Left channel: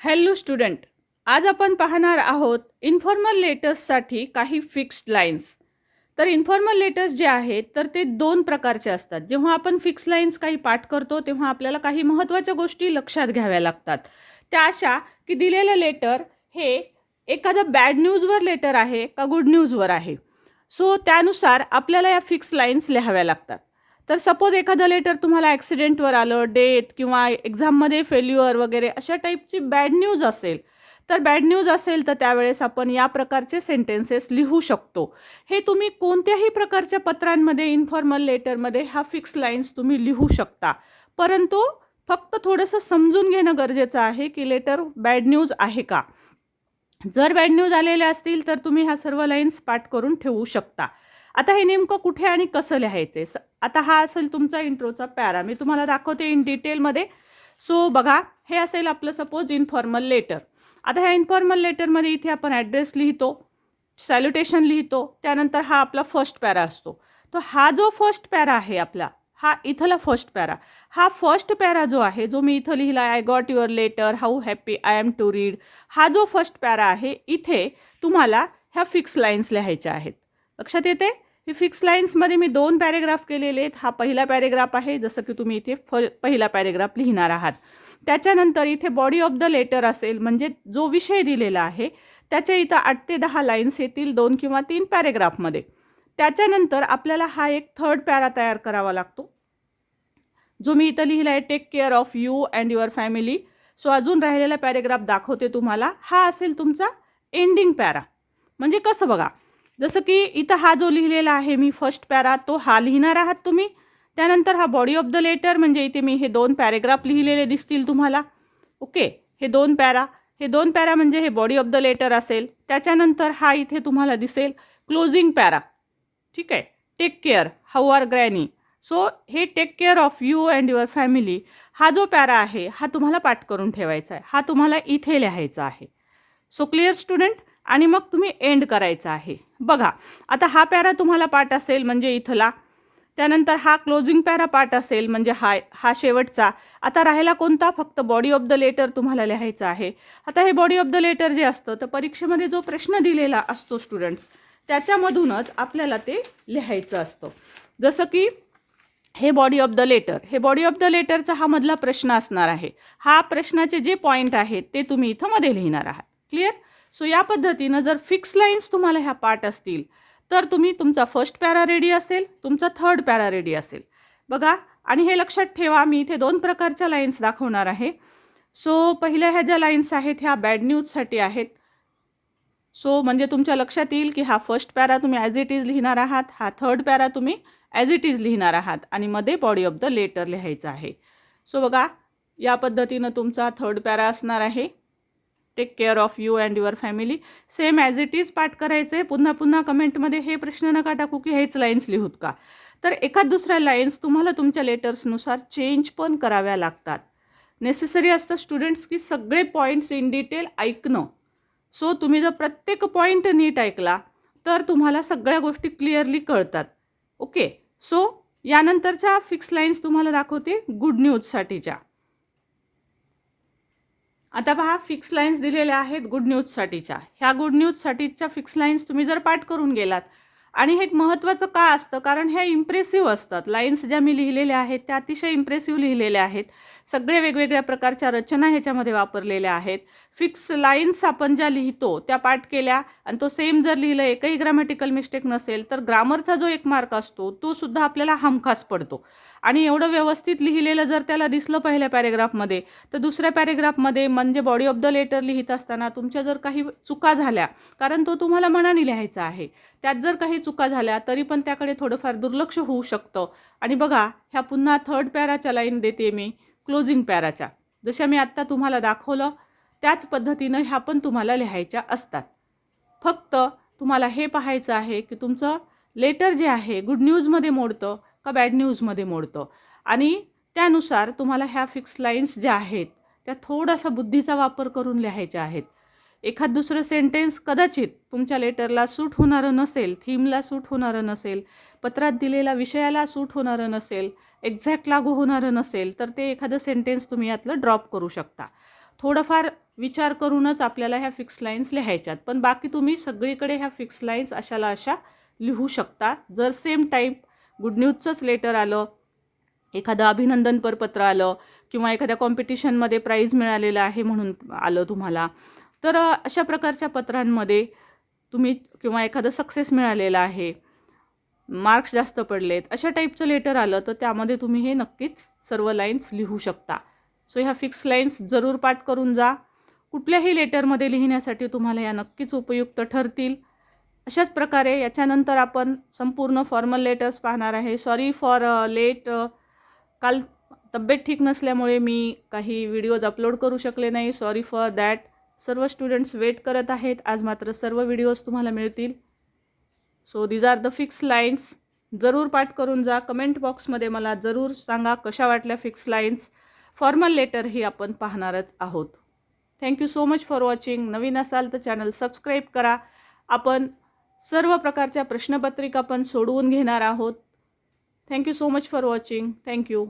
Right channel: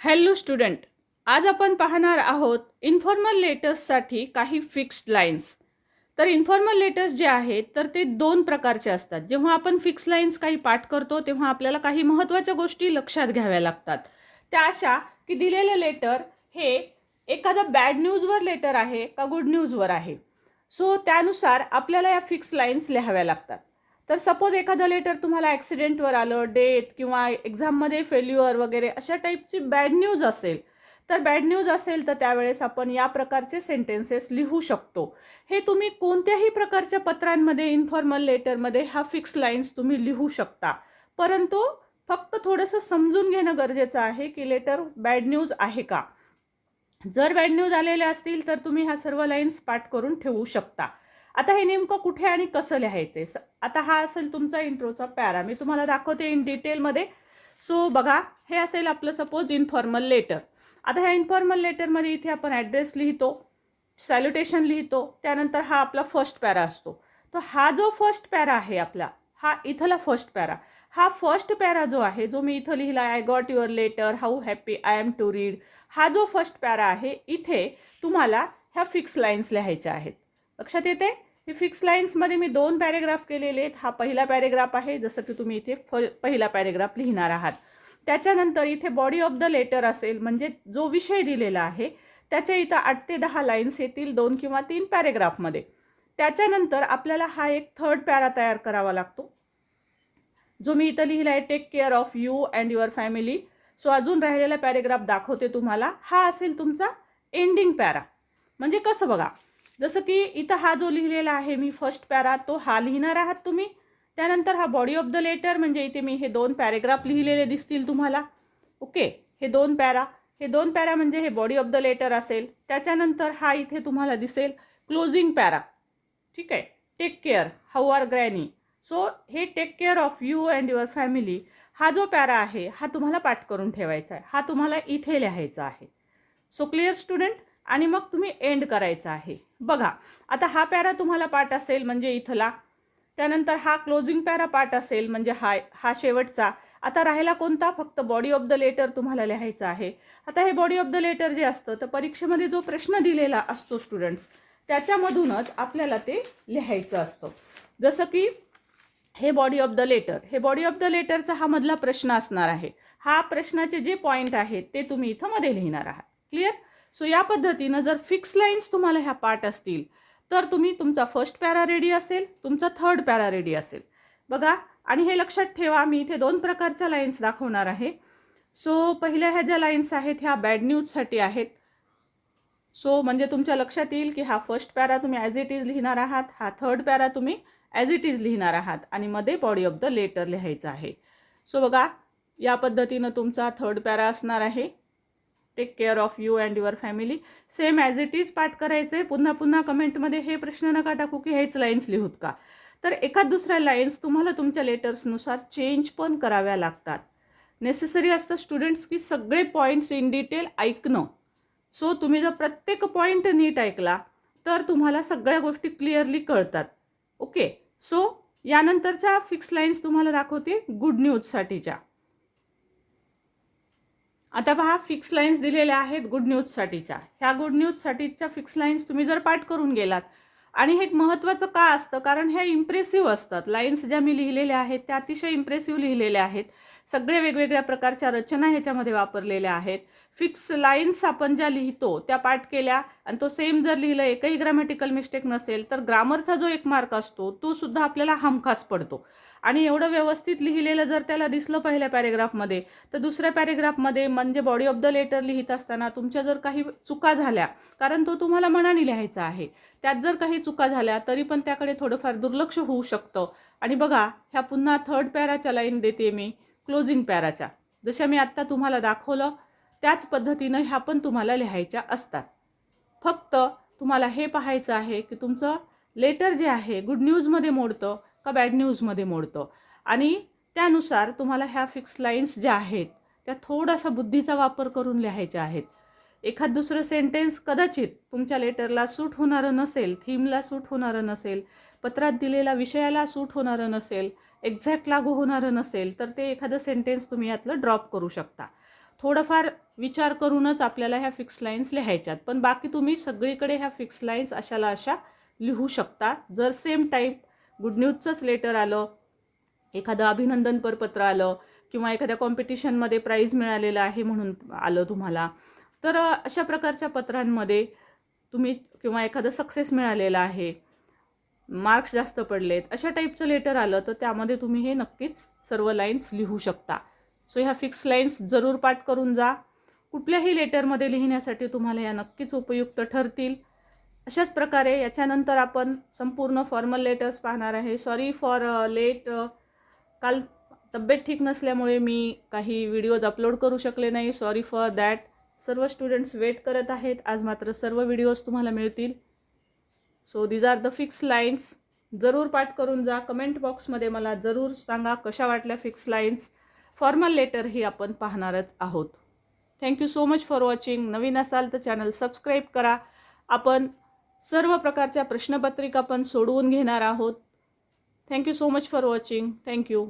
Hello student आज आपण पाहणार आहोत इन्फॉर्मल लेटर्ससाठी काही फिक्स्ड लाईन्स तर इन्फॉर्मल लेटर्स जे आहेत तर ते दोन प्रकारचे असतात. जेव्हा आपण फिक्स लाईन्स काही पाठ करतो तेव्हा आपल्याला काही महत्त्वाच्या गोष्टी लक्षात घ्याव्या लागतात. त्या अशा की दिलेलं लेटर हे एखादं बॅड न्यूजवर लेटर आहे का गुड न्यूजवर आहे. सो त्यानुसार आपल्याला या फिक्स लाईन्स लिहाव्या लागतात. तर सपोज एखादं लेटर तुम्हाला ॲक्सिडेंटवर आलं डेथ किंवा एक्झाममध्ये फेल्युअर वगैरे अशा टाईपची बॅड न्यूज असेल तर बॅड न्यूज असेल तर त्यावेळेस आपण या प्रकारचे सेंटेन्सेस लिहू शकतो. हे तुम्ही कोणत्याही प्रकारच्या पत्रांमध्ये इन्फॉर्मल लेटरमध्ये ह्या फिक्स लाईन्स तुम्ही लिहू शकता. परंतु फक्त थोडंसं समजून घेणं गरजेचं आहे की लेटर बॅड न्यूज आहे का? जर बॅड न्यूज आलेल्या असतील तर तुम्ही ह्या सर्व लाईन्स पाठ करून ठेवू शकता. आता हे नेमकं कुठे आणि कसं लिहायचं स आता हा असेल तुमचा इंट्रोचा पॅरा. मी तुम्हाला दाखवते इन डिटेलमध्ये सो बघा हे असेल आपलं सपोज इन्फॉर्मल लेटर आता ह्या इन्फॉर्मल लेटरमध्ये इथे आपण ॲड्रेस लिहितो सॅल्युटेशन लिहितो त्यानंतर हा आपला फर्स्ट पॅरा असतो. तर हा जो फर्स्ट पॅरा आहे आपला हा इथला फर्स्ट पॅरा. हा फर्स्ट पॅरा जो आहे जो मी इथं लिहिला I got your letter how happy I am to read हा जो फर्स्ट पॅरा आहे इथे तुम्हाला ह्या फिक्स लाईन्स लिहायच्या आहेत. लक्षात येते हे फिक्स लाईन्समध्ये मी दोन पॅरेग्राफ केलेले आहेत. हा पहिला पॅरेग्राफ आहे जसं की तुम्ही इथे फ पहिला पॅरेग्राफ लिहिणार आहात. त्याच्यानंतर इथे बॉडी ऑफ द लेटर असेल म्हणजे जो विषय दिलेला आहे त्याच्या इथं आठ ते दहा लाईन्स येतील दोन किंवा तीन पॅरेग्राफमध्ये त्याच्यानंतर आपल्याला हा एक थर्ड पॅरा तयार करावा लागतो. जो मी इथं लिहिला आहे take care of you and your family so अजून राहिलेला पॅरेग्राफ दाखवते तुम्हाला. हा असेल तुमचा एंडिंग पॅरा म्हणजे कसं बघा जसं की इथं हा जो लिहिलेला आहे मी फर्स्ट पॅरा तो हा लिहिणार आहात तुम्ही. त्यानंतर हा बॉडी ऑफ द लेटर म्हणजे इथे मी हे दोन पॅरेग्राफ लिहिलेले दिसतील तुम्हाला. ओके हे दोन पॅरा हे दोन पॅरा म्हणजे हे बॉडी ऑफ द लेटर असेल. त्याच्यानंतर हा इथे तुम्हाला दिसेल क्लोजिंग पॅरा ठीक आहे take care how are granny so हे take care of you and your family हा जो पॅरा आहे हा तुम्हाला पाठ करून ठेवायचा आहे. हा तुम्हाला इथे लिहायचा आहे. सो क्लिअर स्टुडंट आणि मग तुम्ही एंड करायचा आहे. बघा आता हा पॅरा तुम्हाला पाठ असेल म्हणजे इथला. त्यानंतर हा क्लोजिंग पॅरा पाठ असेल म्हणजे हा हा शेवटचा. आता राहिला कोणता? फक्त बॉडी ऑफ द लेटर तुम्हाला लिहायचं आहे. आता हे बॉडी ऑफ द लेटर जे असतं तर परीक्षेमध्ये जो प्रश्न दिलेला असतो स्टुडंट्स त्याच्यामधूनच आपल्याला ते लिहायचं असतं. जसं की हे बॉडी ऑफ द लेटर हे बॉडी ऑफ द लेटरचा हा मधला प्रश्न असणार आहे. हा प्रश्नाचे जे पॉईंट आहेत ते तुम्ही इथं मध्ये लिहिणार आहात. क्लिअर सो या पद्धतीनं जर फिक्स लाईन्स तुम्हाला ह्या पार्ट असतील तर तुम्ही तुमचा फर्स्ट पॅरा रेडी असेल तुमचा थर्ड पॅरा रेडी असेल. बघा आणि हे लक्षात ठेवा मी इथे दोन प्रकारच्या लाईन्स दाखवणार आहे. सो पहिल्या ह्या ज्या लाईन्स आहेत ह्या बॅड न्यूजसाठी आहेत. सो म्हणजे तुमच्या लक्षात येईल की हा फर्स्ट पॅरा तुम्ही ॲज इट इज लिहिणार आहात हा थर्ड पॅरा तुम्ही ॲज इट इज लिहिणार आहात आणि मध्ये बॉडी ऑफ द लेटर लिहायचं आहे. सो बघा या पद्धतीनं तुमचा थर्ड पॅरा असणार आहे. Take care of you and your family same as it is पाठ करायचे पुन्हा पुन्हा कमेंटमध्ये हे प्रश्न नका टाकू की हेच लाईन्स लिहूत का? तर एखाद दुसऱ्या लाईन्स तुम्हाला तुमच्या लेटर्सनुसार चेंज पण कराव्या लागतात. नेसेसरी असतं स्टुडंट्स की सगळे पॉईंट्स इन डिटेल ऐकणं. सो तुम्ही जर प्रत्येक पॉईंट नीट ऐकला तर तुम्हाला सगळ्या गोष्टी क्लिअरली कळतात. ओके सो यानंतरच्या फिक्स लाईन्स तुम्हाला दाखवते गुड न्यूजसाठीच्या आता पहा फिक्स लाईन्स दिलेल्या आहेत गुड न्यूजसाठीच्या ह्या गुड न्यूजसाठीच्या फिक्स लाईन्स तुम्ही जर पाठ करून गेलात आणि हे एक महत्त्वाचं का असतं? कारण ह्या इम्प्रेसिव्ह असतात. लाईन्स ज्या मी लिहिलेल्या आहेत त्या अतिशय इम्प्रेसिव्ह लिहिलेल्या आहेत. सगळे वेगवेगळ्या प्रकारच्या रचना ह्याच्यामध्ये वापरलेल्या आहेत. फिक्स लाईन्स आपण ज्या लिहितो त्या पाठ केल्या आणि तो सेम जर लिहिलं एकही ग्रामॅटिकल मिस्टेक नसेल तर ग्रामरचा जो एक मार्क असतो तो सुद्धा आपल्याला हमखास पडतो. आणि एवढं व्यवस्थित लिहिलेलं जर त्याला दिसलं पहिल्या पॅरेग्राफमध्ये तर दुसऱ्या पॅरेग्राफमध्ये म्हणजे बॉडी ऑफ द लेटर लिहित असताना तुमच्या जर काही चुका झाल्या कारण तो तुम्हाला मनाने लिहायचा आहे त्यात जर काही चुका झाल्या तरी पण त्याकडे थोडंफार दुर्लक्ष होऊ शकतं. आणि बघा ह्या पुन्हा थर्ड पॅराच्या लाईन देते मी क्लोजिंग पॅराच्या. जशा मी आत्ता तुम्हाला दाखवलं त्याच पद्धतीनं ह्या पण तुम्हाला लिहायच्या असतात. फक्त तुम्हाला हे पाहायचं आहे की तुमचं लेटर जे आहे गुड न्यूजमध्ये मोडतं का बॅड न्यूजमध्ये मोडतं. आणि त्यानुसार तुम्हाला ह्या फिक्स लाईन्स ज्या आहेत त्या थोडासा बुद्धीचा वापर करून लिहायच्या आहेत. एखाद दुसरं सेंटेन्स कदाचित तुमच्या लेटरला सूट होणारं नसेल थीमला सूट होणारं नसेल पत्रात दिलेला विषयाला सूट होणारं नसेल एक्झॅक्ट लागू होणारं नसेल तर ते एखादं सेंटेन्स तुम्ही यातलं ड्रॉप करू शकता. थोडंफार विचार करूनच आपल्याला ह्या फिक्स लाईन्स लिहायच्यात पण बाकी तुम्ही सगळीकडे ह्या फिक्स लाईन्स अशाला अशा लिहू शकता. जर सेम टाईप गुड न्यूजचंच लेटर आलं. एखादं अभिनंदनपर पत्र आलं किंवा एखाद्या कॉम्पिटिशनमध्ये प्राईज मिळालेलं आहे म्हणून आलं तुम्हाला. तर अशा प्रकारच्या पत्रांमध्ये तुम्ही किंवा एखादं सक्सेस मिळालेलं आहे मार्क्स जास्त पडलेत अशा टाईपचं लेटर आलं तर त्यामध्ये तुम्ही हे नक्कीच सर्व लाईन्स लिहू शकता. सो ह्या फिक्स लाईन्स जरूर पाठ करून जा. कुठल्याही लेटरमध्ये लिहिण्यासाठी तुम्हाला या नक्कीच उपयुक्त ठरतील. अशाच प्रकारे याच्यानंतर आपण संपूर्ण फॉर्मल लेटर्स पाहणार आहे. सॉरी फॉर लेट काल तब्येत ठीक नसल्यामुळे मी काही व्हिडिओज अपलोड करू शकले नाही. सॉरी फॉर दॅट सर्व स्टुडंट्स वेट करत आहेत. आज मात्र सर्व व्हिडिओज तुम्हाला मिळतील. So these are the fix lines जरूर पाठ करून जा. कमेंट बॉक्समध्ये मला जरूर सांगा कशा वाटल्या फिक्स लाईन्स फॉर्मल लेटर ही आपण पाहणारच आहोत. Thank you so much for watching नवीन असाल तर चॅनल सबस्क्राईब करा. आपण सर्व प्रकारच्या प्रश्नपत्रिका पण सोडवून घेणार आहोत. Thank you so much for watching thank you